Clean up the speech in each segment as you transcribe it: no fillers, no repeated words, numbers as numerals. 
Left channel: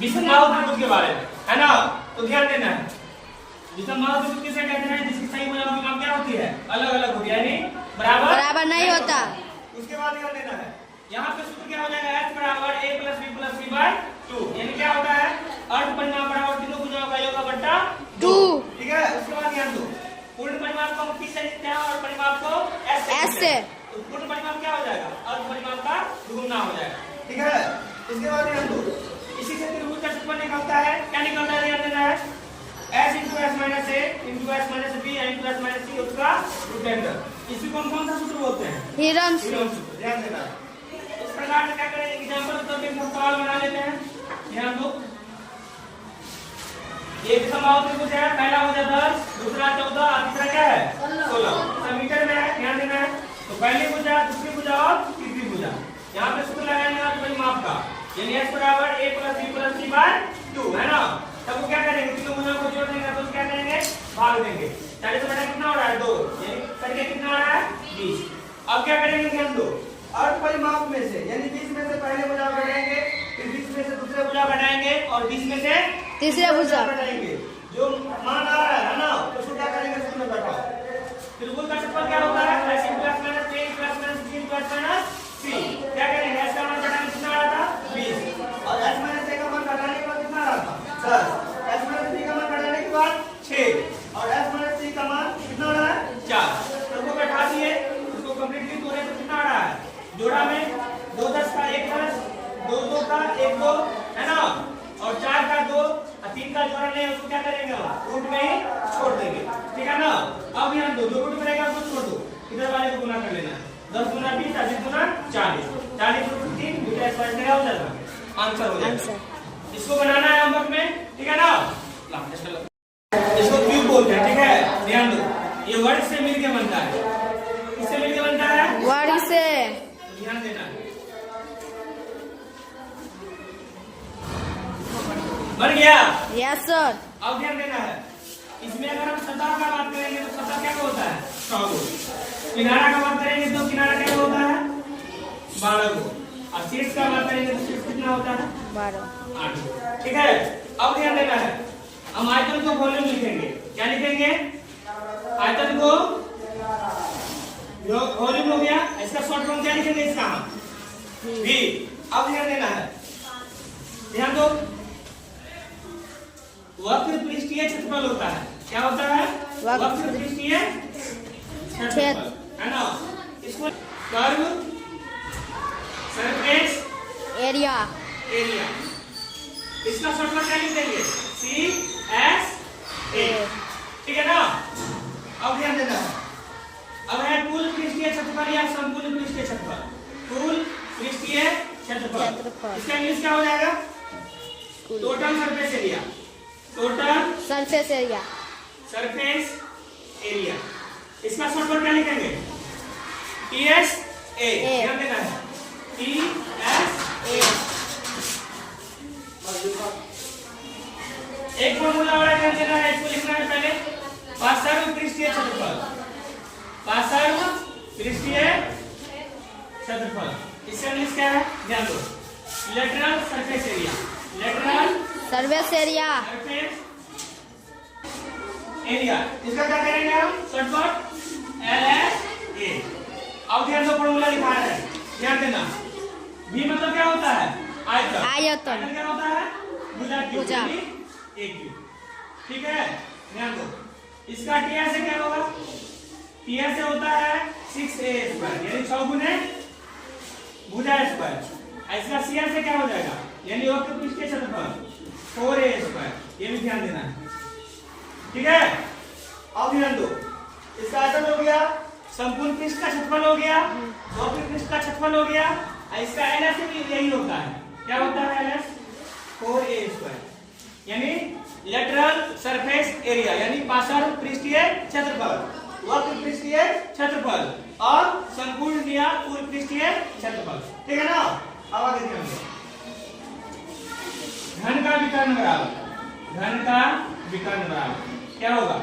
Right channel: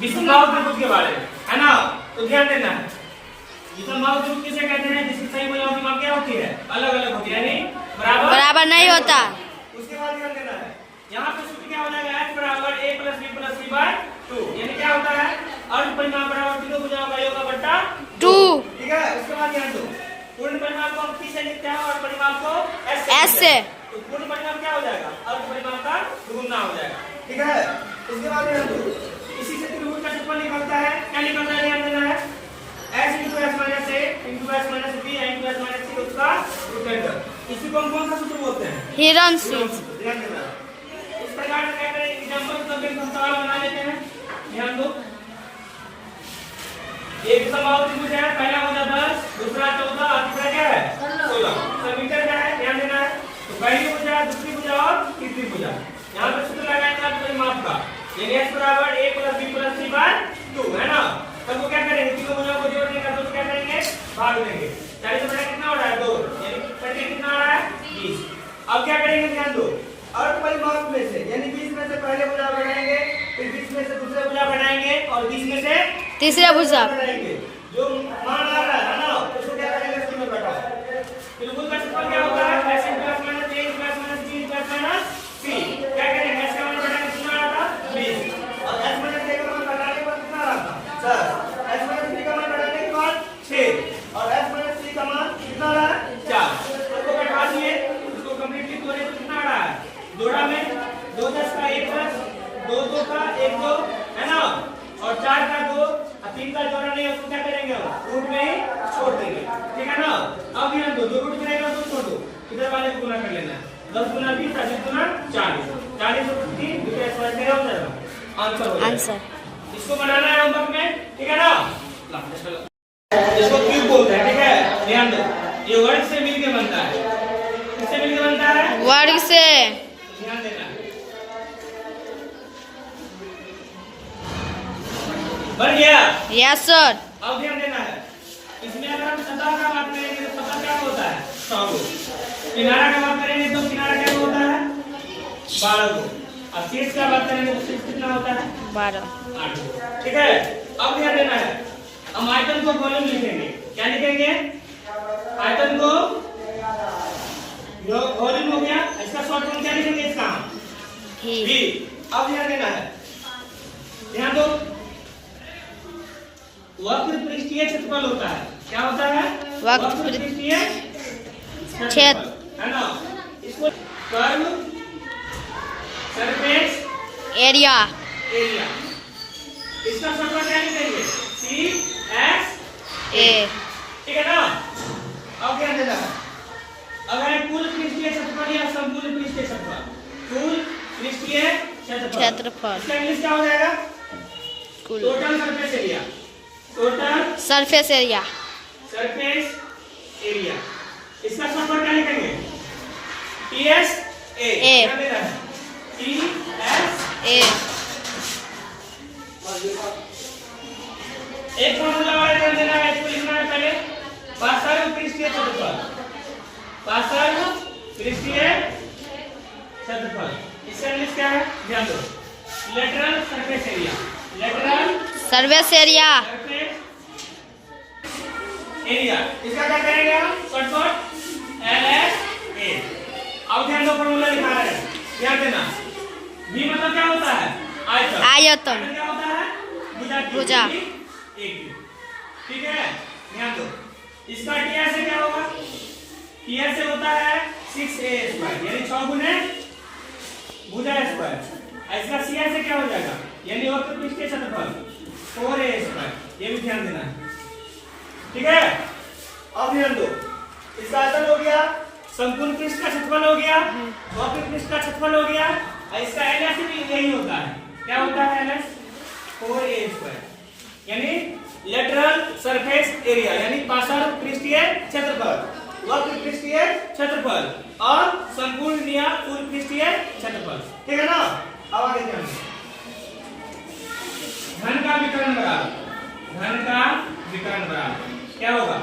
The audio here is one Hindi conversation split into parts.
विषमबाहु त्रिभुज के बारे में, है ना। तो ध्यान देना है, विषमबाहु त्रिभुज किसे कहते हैं, जिसकी सही भुजाओं की मान क्या होती है, अलग अलग होती है, यानी बराबर नहीं होता। उसके बाद ध्यान देना है, यहाँ पे सूत्र क्या हो जाएगा, h बराबर a plus b plus c by 2, यानी क्या होता है, अर्ध परिमाप बराबर तीनों भुजाओं का योग का बट्टा 2। ठीक है, उसके बाद ध्यान दो, पूर्ण परिमाप को हम किससे लिखते हैं, और परिमाप को s से। तो पूर्ण परिमाप क्या हो जाएगा, अर्ध परिमाप का दुगुना हो जाएगा। ठीक है, उसके बाद ध्यान दो, इसी से त्रिभुज का क्षेत्रफल निकलता है, क्या निकलता है, ध्यान देना है, s into s minus a into s minus b into s minus c उसका रूट लेंगे। इसी को कौन सा सूत्र बोलते हैं, हिरन सूत्र। ध्यान देना, इस प्रकार से क्या करें, एग्जांपल तो एक सवाल बना लेते हैं। ध्यान दो, एक समबाहु त्रिभुज है, पहला हो जाता 10, दूसरा 14 और तीसरा क्या है 16, सब मीटर में है, ध्यान देना है। तो पहली भुजा, दूसरी भुजा और तीसरी भुजा, यहाँ पे सूत्र लगाएंगे परिमाप का, यानी s बराबर a plus b plus c by 2, है ना। सबको क्या करेंगे, तीनों भुजाओं को जोड़ देंगे, तो क्या करेंगे, भाग देंगे, 40 से बड़ा कितना हो रहा है 2, यानी करके कितना हो रहा है 20। अब क्या करेंगे, ध्यान दो, अर्ध परिमाप में से, यानी 20 में से पहले भुजा बनाएंगे, फिर 20 में से दूसरे भुजा बनाएंगे, और 20 में से तीसरा भुजा बनाएंगे। जो मान आ रहा है ना, उसको क्या करेंगे, इसमें घटाओ। त्रिभुज का क्षेत्रफल क्या होता है, s plus minus a plus minus b plus minus c। क्या करेंगे, s का मान घटाने कितना आ रहा था 20, और s माइनस a का मान घटाने के बाद कितना आ रहा था 10, s माइनस b का मान घटाने के बाद 6, और s माइनस c का मान कितना रहा है 4। इसको घटा दिए, इसको कंप्लीटली तोड़े तो कितना आ रहा है, जोड़ा में 2 10 का 1 10, 2 2 का 1 2, है ना, और 4 का 2, 3 का जोड़ा नहीं, उसको क्या करेंगे, रूट में ही छोड़ देंगे। ठीक है ना। अब यहाँ दो रूट में रहेगा, उसको छोड़ दो, इधर वाले को गुना कर लेना, 10 गुना 20, 20 गुना 40, 40 रूट 3, दूसरा स्क्वायर मेरा हो जाएगा, आंसर हो जाएगा। इसको बनाना है होमवर्क में, ठीक है ना। इसको क्यूब बोलते हैं, ठीक है, ध्यान दो, ये वर्ग से मिलके बनता है, किससे मिलके बनता है, वर्ग से। ध्यान देना, बन गया, यस सर। अब ध्यान देना है, इसमें अगर हम सतह का बात करेंगे तो सतह क्या होता है 100, किनारा का बात करेंगे तो किनारा क्या होता है 12, और शीर्ष का बात करेंगे तो शीर्ष कितना होता है 12, 8। ठीक है, अब ध्यान देना है, हम आयतन को वॉल्यूम लिखेंगे, क्या लिखेंगे, आयतन को वॉल्यूम हो गया, इसका शॉर्ट फॉर्म क्या लिखेंगे, इसका v। अब ध्यान देना है, ध्यान दो, वक्र पृष्ठीय क्षेत्रफल होता है, क्या होता है, वक्र पृष्ठीय क्षेत्रफल, है ना। इसको कर्व सरफेस एरिया, इसका शॉर्टकट क्या लिखेंगे, सी एस ए। ठीक है ना। अब ध्यान देना, अब है कुल पृष्ठीय क्षेत्रफल या संपूर्ण पृष्ठीय क्षेत्रफल, कुल पृष्ठीय क्षेत्रफल, इसका इंग्लिश क्या हो जाएगा, total surface area, total surface area, surface area. इसका शॉर्टकट क्या लिखेंगे, टी एस ए, ध्यान देना है, टी एस ए। एक फॉर्मूला और ध्यान देना है, इसको लिखना है पहले, पार्श्व पृष्ठीय क्षेत्रफल, पार्श्व पृष्ठीय क्षेत्रफल, इसका इंग्लिश क्या है, ध्यान दो, lateral surface area, lateral surface area, area. इसका क्या करेंगे हम, शॉर्टकट एल एस ए। अब ध्यान दो, फॉर्मूला लिखा रहे हैं, ध्यान देना, v मतलब क्या होता है, आयतन, आयतन क्या होता है, भुजा, एक। ठीक है, ध्यान दो, इसका टीआर से क्या होगा, टीआर से होता है 6a स्क्वायर, यानी 6 गुने भुजा स्क्वायर। इसका सीआर से क्या हो जाएगा, यानी वक्र पृष्ठीय क्षेत्रफल 4a स्क्वायर, ये भी ध्यान देना है। ठीक है, अब ध्यान दो, इसका आयतन हो गया, संपूर्ण पृष्ठ का क्षेत्रफल हो गया, वक्र पृष्ठ का क्षेत्रफल हो गया, और इसका एलएस भी यही होता है, क्या होता है एलएस, 4a स्क्वायर, यानी लेटरल सरफेस एरिया, यानी पार्श्व पृष्ठीय क्षेत्रफल, वक्र पृष्ठीय क्षेत्रफल और संपूर्ण या पूर्ण पृष्ठीय क्षेत्रफल। ठीक है ना। अब आगे ध्यान दें, घन का विकर्ण बराबर, घन का विकर्ण बराबर क्या होगा,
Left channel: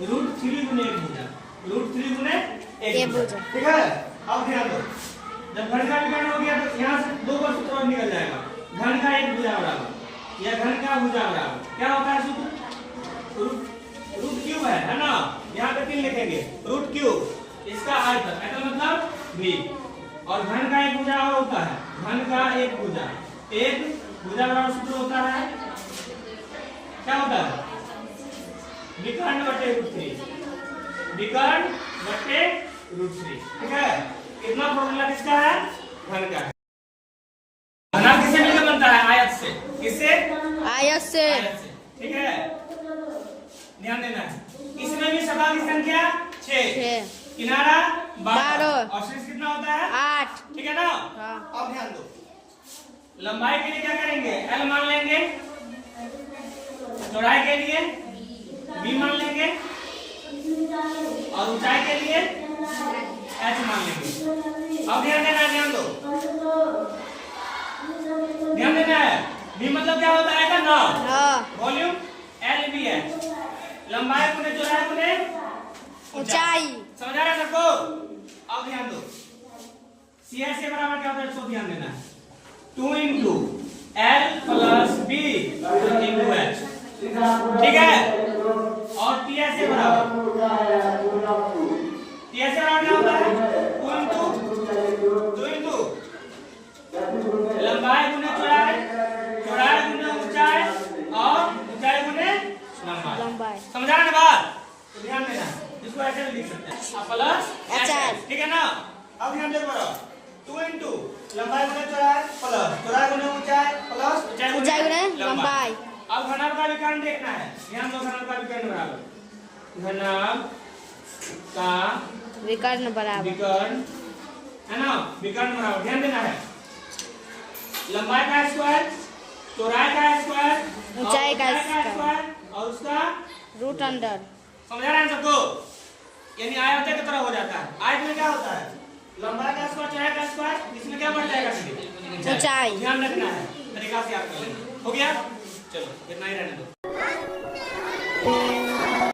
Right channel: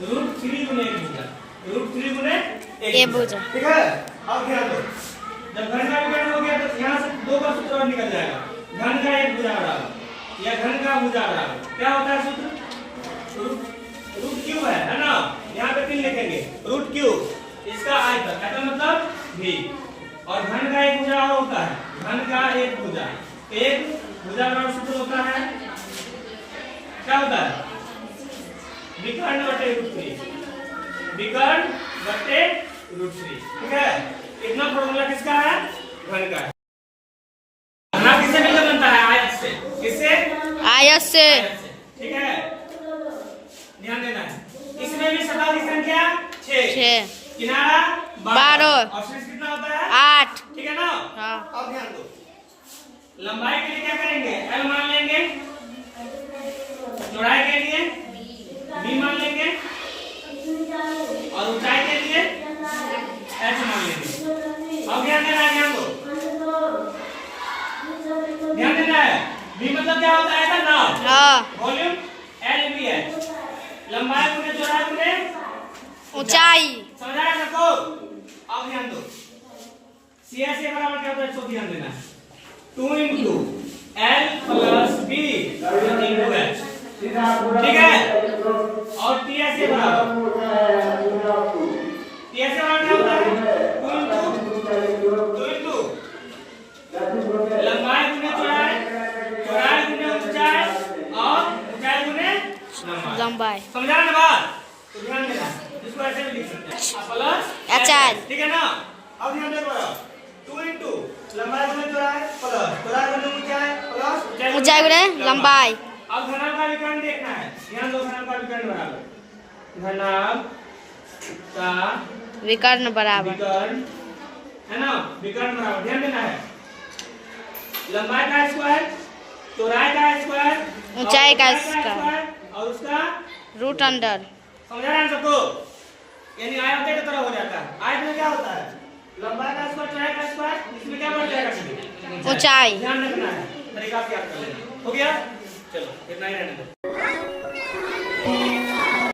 √3 गुने एक भुजा, √3 गुने एक भुजा। ठीक है, अब ध्यान दो, जब घन का विकर्ण हो गया तो यहाँ से 2 का सूत्र और निकल जाएगा, घन का एक भुजा बराबर या घन का भुजा बराबर क्या होता है सूत्र? रूट क्यूब है ना। यहाँ पे 3 लिखेंगे रूट क्यूब इसका आयतन मतलब भी। और घन का एक भुजा और होता है घन का एक भुजा बराबर सूत्र होता है क्या होता है? विकर्ण बटे रूट 3 विकर्ण बटे रूट 3। ठीक है, इतना फॉर्मूला किसका है? घन का है। घना किससे मिलकर बनता है? आयत से। किससे? आयत से। ठीक है, ध्यान देना है। इसमें भी सतह की संख्या 6 किनारा 12 और शीर्ष कितना होता है? 8। ठीक है ना। हाँ। अब ध्यान दो, लंबाई के लिए क्या करेंगे? L मान लेंगे, चौड़ाई के लिए B मान लेंगे और ऊंचाई के लिए H मान लेंगे। अब ध्यान देना, ध्यान दो, ध्यान देना है। B मतलब क्या होता है? ना हाँ। वॉल्यूम L भी है, लंबाई गुने चौड़ाई गुने ऊंचाई। समझा रहे सबको? अब ध्यान दो, CH से बराबर क्या होता है? इसको ध्यान देना है 2 into L plus B into H। ठीक है, और TH से बराबर क्या होता है? 2 into लंबाई गुने चौड़ाई, चौड़ाई गुने ऊंचाई और ऊंचाई गुने लंबाई। समझा ना बात? तो ध्यान देना, इसको ऐसे भी लिख सकते हैं प्लस HH। ठीक है ना। अब ध्यान दे बड़ा 2 into लंबाई गुने चौड़ाई प्लस चौड़ाई गुने ऊंचाई प्लस ऊंचाई गुने लंबाई। अब घनाभ का विकर्ण देखना है। ध्यान दो, घनाभ का विकर्ण बराबर घनाभ का विकर्ण बराबर विकर्ण है ना, विकर्ण बराबर ध्यान देना है लंबाई का स्क्वायर, चौड़ाई का स्क्वायर, ऊंचाई का स्क्वायर और उसका रूट अंडर। समझा रहे हैं सबको? यानी आयत की तरह हो जाता है। आयत में क्या होता है? लंबाई का स्क्वायर, चौड़ाई का स्क्वायर, इसमें क्या बढ़ जाएगा? सीधे ऊंचाई। ध्यान रखना है, तरीका से याद कर लेना। हो गया, चलो इतना ही रहने दो।